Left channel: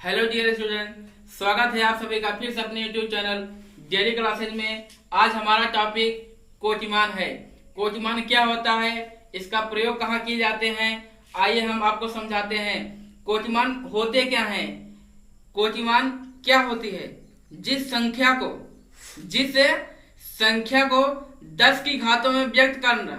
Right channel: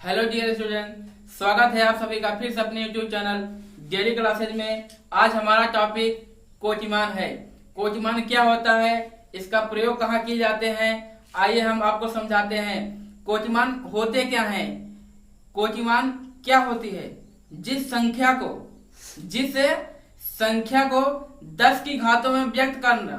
Hello dear student, स्वागत है आप सभी का फिर से अपने यूट्यूब चैनल डेली क्लासेज में। आज हमारा टॉपिक कोटिमान है। कोटिमान क्या होता है, इसका प्रयोग कहाँ किए जाते हैं, आइए हम आपको समझाते हैं। कोटिमान होते क्या हैं। कोटिमान क्या होती है, जिस संख्या को 10 की घातों में व्यक्त करना,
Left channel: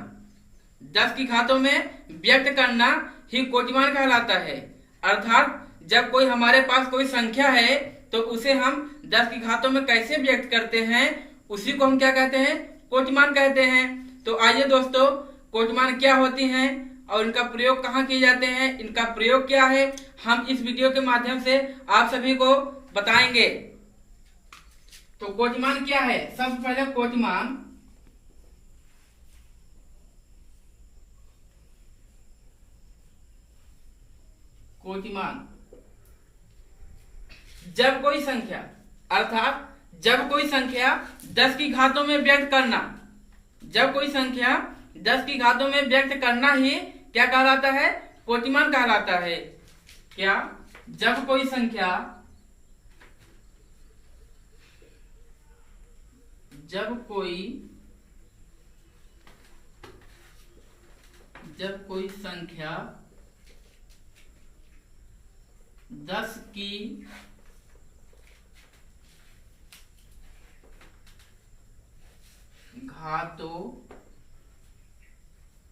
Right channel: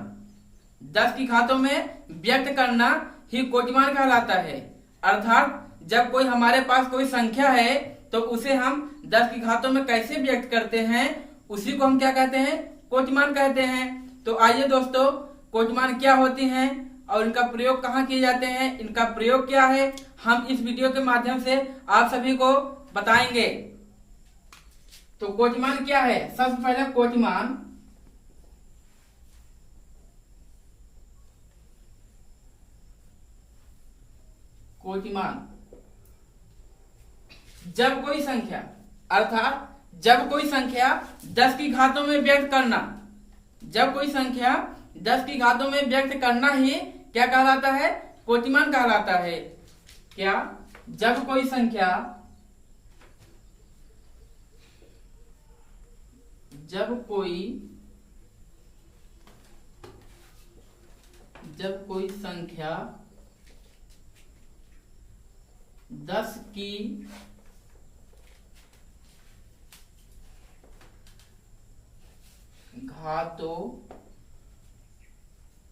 10 की घातों में व्यक्त करना ही कोटिमान कहलाता है। अर्थात जब कोई हमारे पास कोई संख्या है तो उसे हम 10 की घातों में कैसे व्यक्त करते हैं, उसी को हम क्या कहते हैं, कोटिमान कहते हैं। तो आइए दोस्तों, कोटिमान क्या होती हैं और इनका प्रयोग कहाँ किए जाते हैं, इनका प्रयोग क्या है, हम इस वीडियो के माध्यम से आप सभी को बताएंगे। तो कोटिमान क्या है, सबसे पहले कोटिमान जब कोई संख्या, अर्थात जब कोई संख्या 10 की घातों में व्यक्त करना, जब कोई संख्या 10 की घातों में व्यक्त करना ही क्या कहलाता है, कोटिमान कहलाता है। क्या, जब कोई संख्या जब कोई संख्या 10 की घातों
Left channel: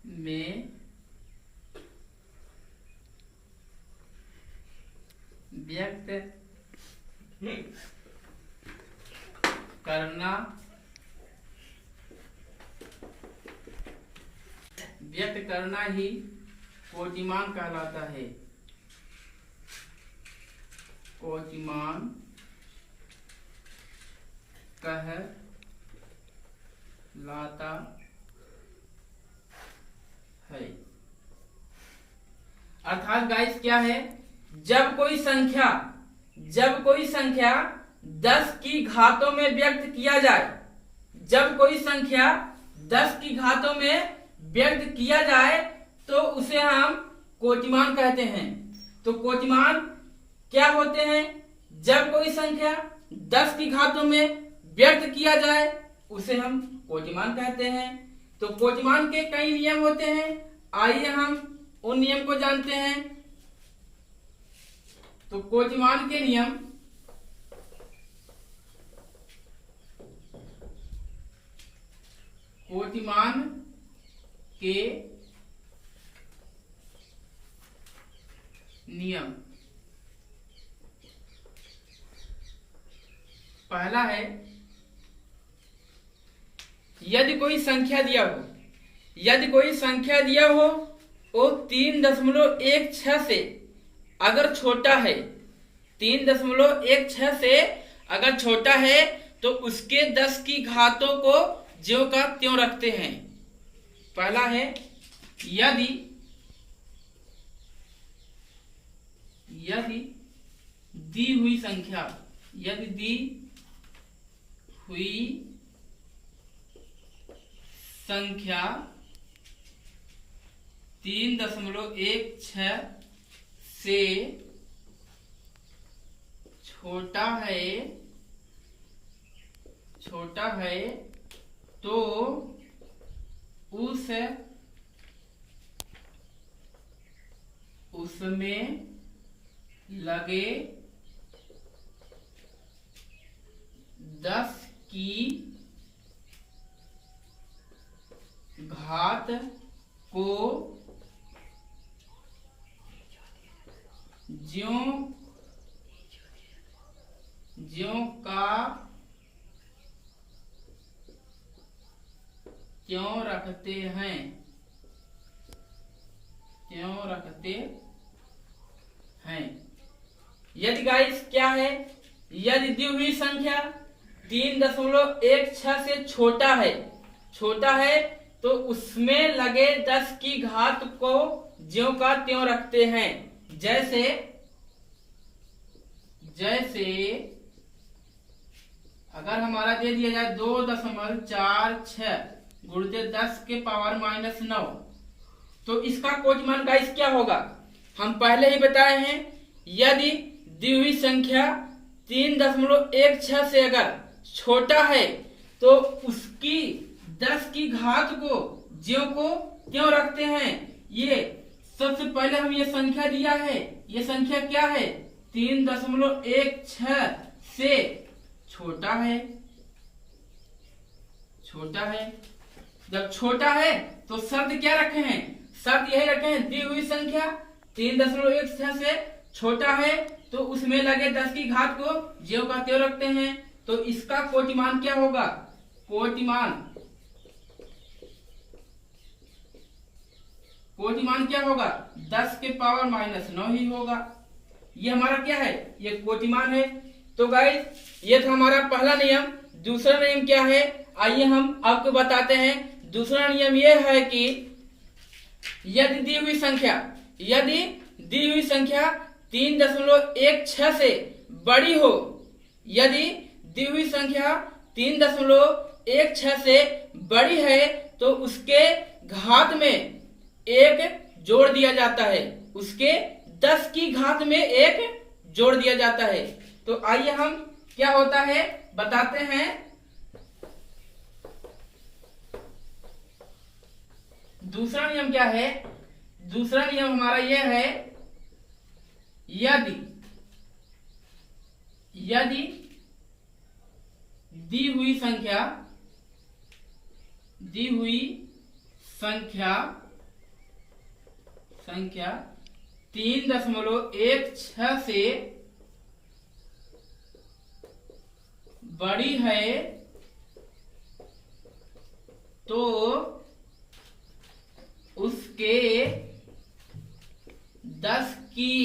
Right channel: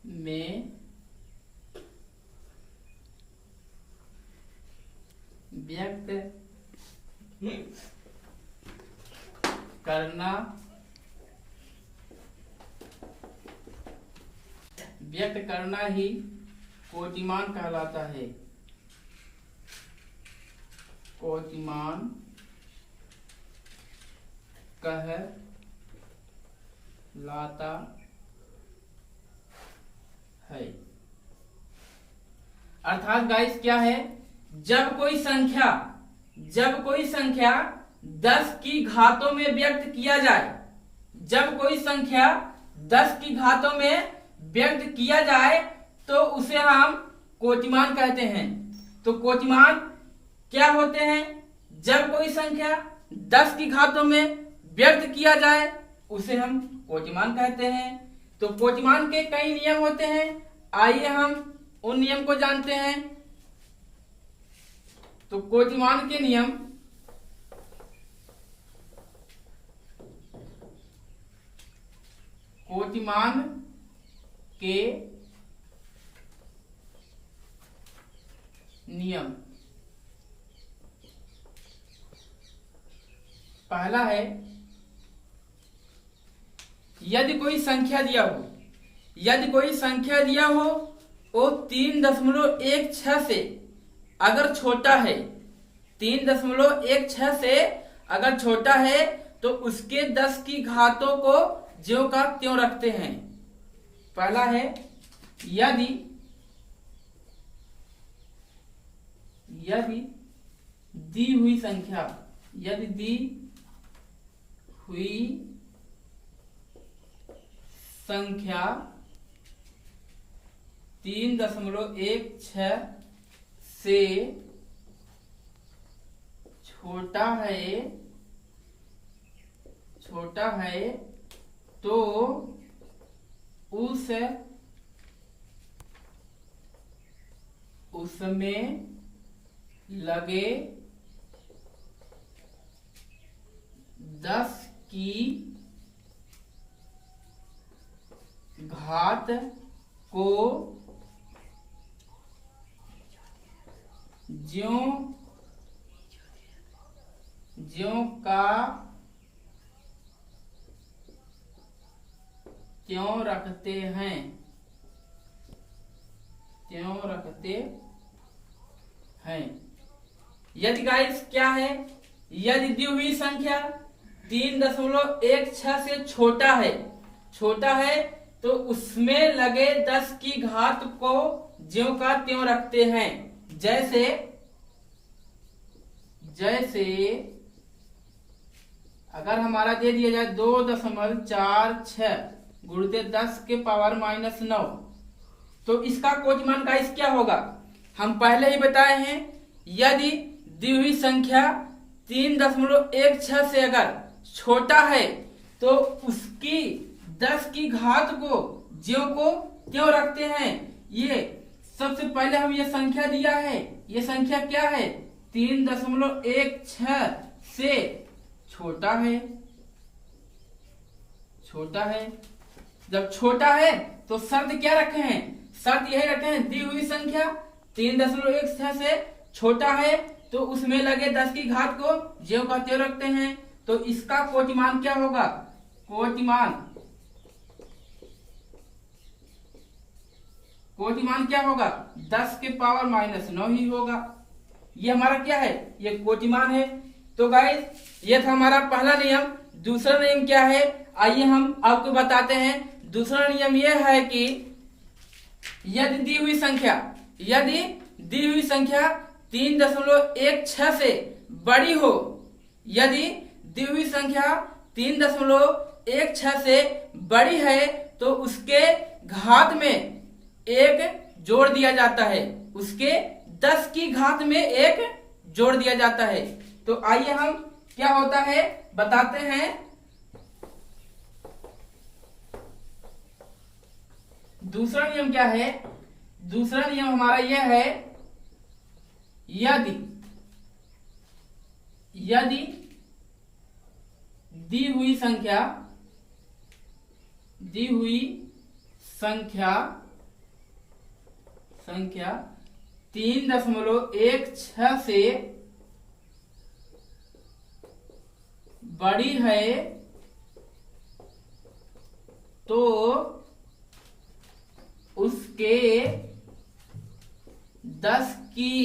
में व्यक्त करना ही कोटिमान कहलाता है। कोटिमान कहलाता है। अर्थात गाइस क्या है, जब कोई संख्या 10 की घातों में व्यक्त किया जाए, जब कोई संख्या 10 की घातों में व्यक्त किया जाए तो उसे हम कोटिमान कहते हैं। तो कोटिमान क्या होते हैं, जब कोई संख्या 10 की घातों में व्यक्त किया जाए उसे हम कोटिमान कहते हैं। तो कोटिमान के कई नियम होते हैं, आइए हम उन नियम को जानते हैं। तो कोटिमान के नियम, कोटिमान के नियम, पहला है, यदि कोई संख्या दिया हो वो 3.16 से अगर छोटा है, 3.16 से अगर छोटा है तो उसके 10 की घातों को ज्यों का त्यों रखते हैं। पहला है, यदि दी हुई संख्या 3.16 से छोटा है तो उसमें लगे 10 की घात को ज्यों का त्यों रखते हैं। यदि गाइस क्या है, यदि दी हुई संख्या 3.16 से छोटा है तो उसमें लगे 10 की घात को ज्यों का त्यों रखते हैं। जैसे अगर हमारा दे दिया जाए 2.46 गुणित 10 के पावर -9, तो इसका कोटिमान गाइस क्या होगा, हम पहले ही बताए हैं, यदि दी हुई संख्या 3.16 से अगर छोटा है तो उसकी 10 की घात को ज्यों को क्यों रखते हैं। ये सबसे पहले हम ये संख्या दिया है, ये संख्या क्या है 3.16 से छोटा है। छोटा है, जब छोटा है तो शर्त क्या रखे हैं, शर्त यही रखे हैं दी हुई संख्या 3.16 से छोटा है तो उसमें लगे 10 की घात को ज्यों का त्यों रखते हैं। तो इसका कोटिमान क्या होगा, कोटिमान क्या होगा 10 के पावर -9 ही होगा। ये हमारा क्या है, ये कोटिमान है। तो गाइस ये था हमारा पहला नियम। दूसरा नियम क्या है, आइए हम आपको बताते हैं। दूसरा नियम ये है कि यदि दी हुई संख्या 3.16 से बड़ी हो, यदि दी हुई संख्या 3.16 से बड़ी है तो उसके घात में 1 जोड़ दिया जाता है, उसके 10 की घात में 1 जोड़ दिया जाता है। तो आइए हम क्या होता है बताते हैं। दूसरा नियम क्या है, दूसरा नियम हमारा यह है यदि दी हुई संख्या 3.16 से बड़ी है तो उसके 10 की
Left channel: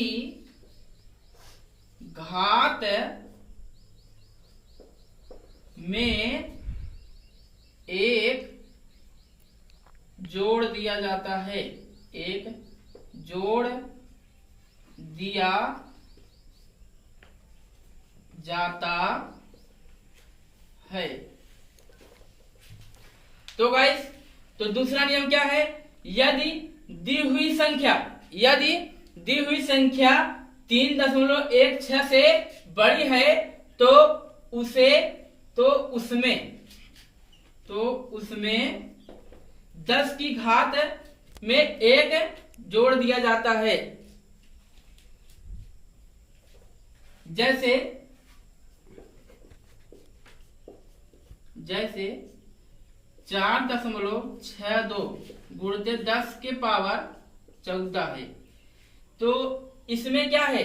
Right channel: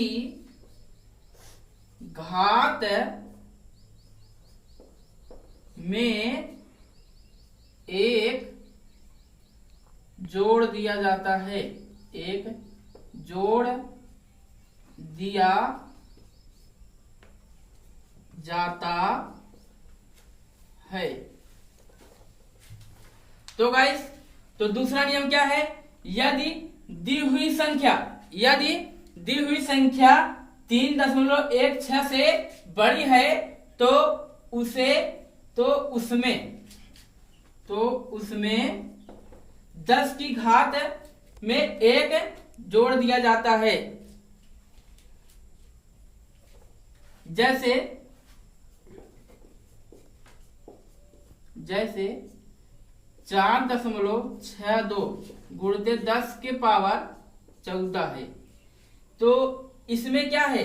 घात में 1 जोड़ दिया जाता है, 1 जोड़ दिया जाता है। तो गाइस तो दूसरा नियम क्या है, यदि दी हुई संख्या 3.16 से बड़ी है तो उसमें 10 की घात में 1 जोड़ दिया जाता है। जैसे 4.62 गुणित 10 के पावर 14 है। तो इसमें क्या है,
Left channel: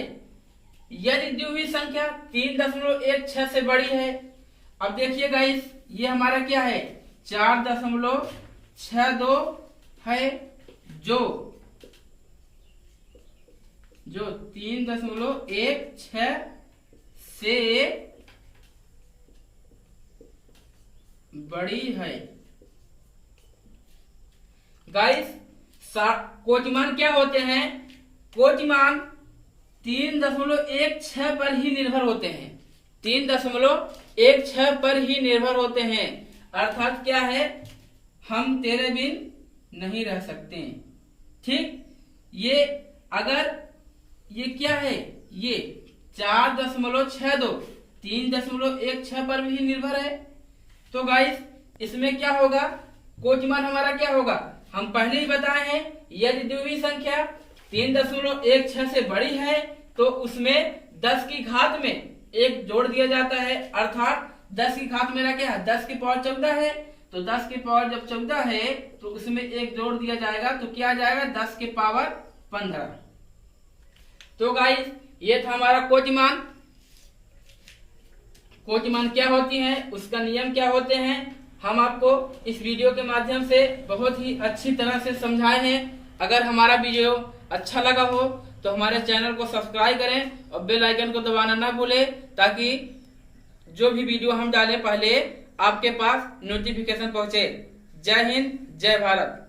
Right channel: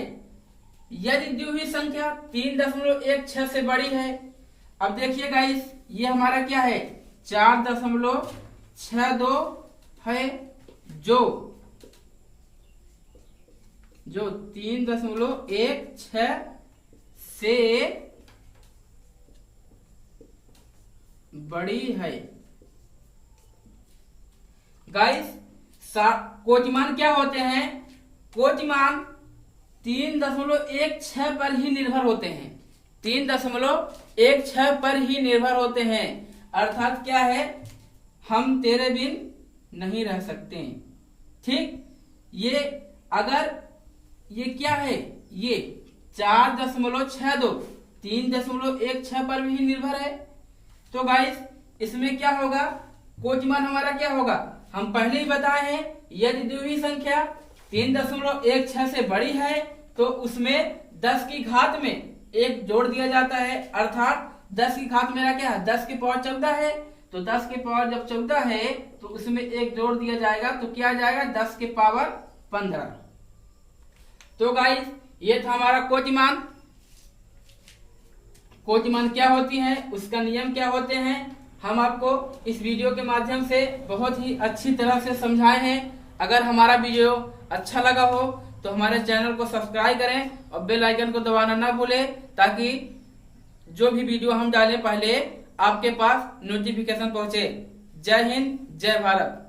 यदि दी हुई संख्या 3.16 से बड़ी है। अब देखिए गाइस ये हमारा क्या है 4.62 है जो 3.16 से बड़ी है। गाइस कोटिमान क्या होते हैं, कोटिमान 3.16 पर ही निर्भर होते हैं, 3.16 पर ही निर्भर होते हैं। अर्थात क्या है, हम तेरे बिन नहीं रह सकते। ठीक, ये अगर ये क्या है, ये 4.62 3.16 पर भी निर्भर है। तो गाइस इसमें क्या होगा, कोटिमान हमारा क्या होगा, हम पहले ही बताए हैं यदि दी हुई संख्या 3.16 से बड़ी है तो उसमें 10 की घात में 1 जोड़ दिया जाता है। अर्थात 10 की घात मेरा क्या है 10 की पावर 14 है, तो 10 की पावर जब 14 है तो उसमें 1 जोड़ दिया जाएगा तो क्या आ जाएगा 10 की पावर 15। तो गाइस ये था हमारा कोटिमान। कोटिमान क्या होती है, उसका नियम क्या होते हैं, हम आपको इस वीडियो के माध्यम से बहुत ही अच्छी तरह से समझाए हैं। अगर हमारा वीडियो अच्छा लगा हो तो हमारे चैनल को सब्सक्राइब करें और बेल आइकन को दबाना ना भूलें, ताकि जो भी वीडियो हम डालें पहले आपके पास नोटिफिकेशन पहुंचे। जय हिंद, जय भारत।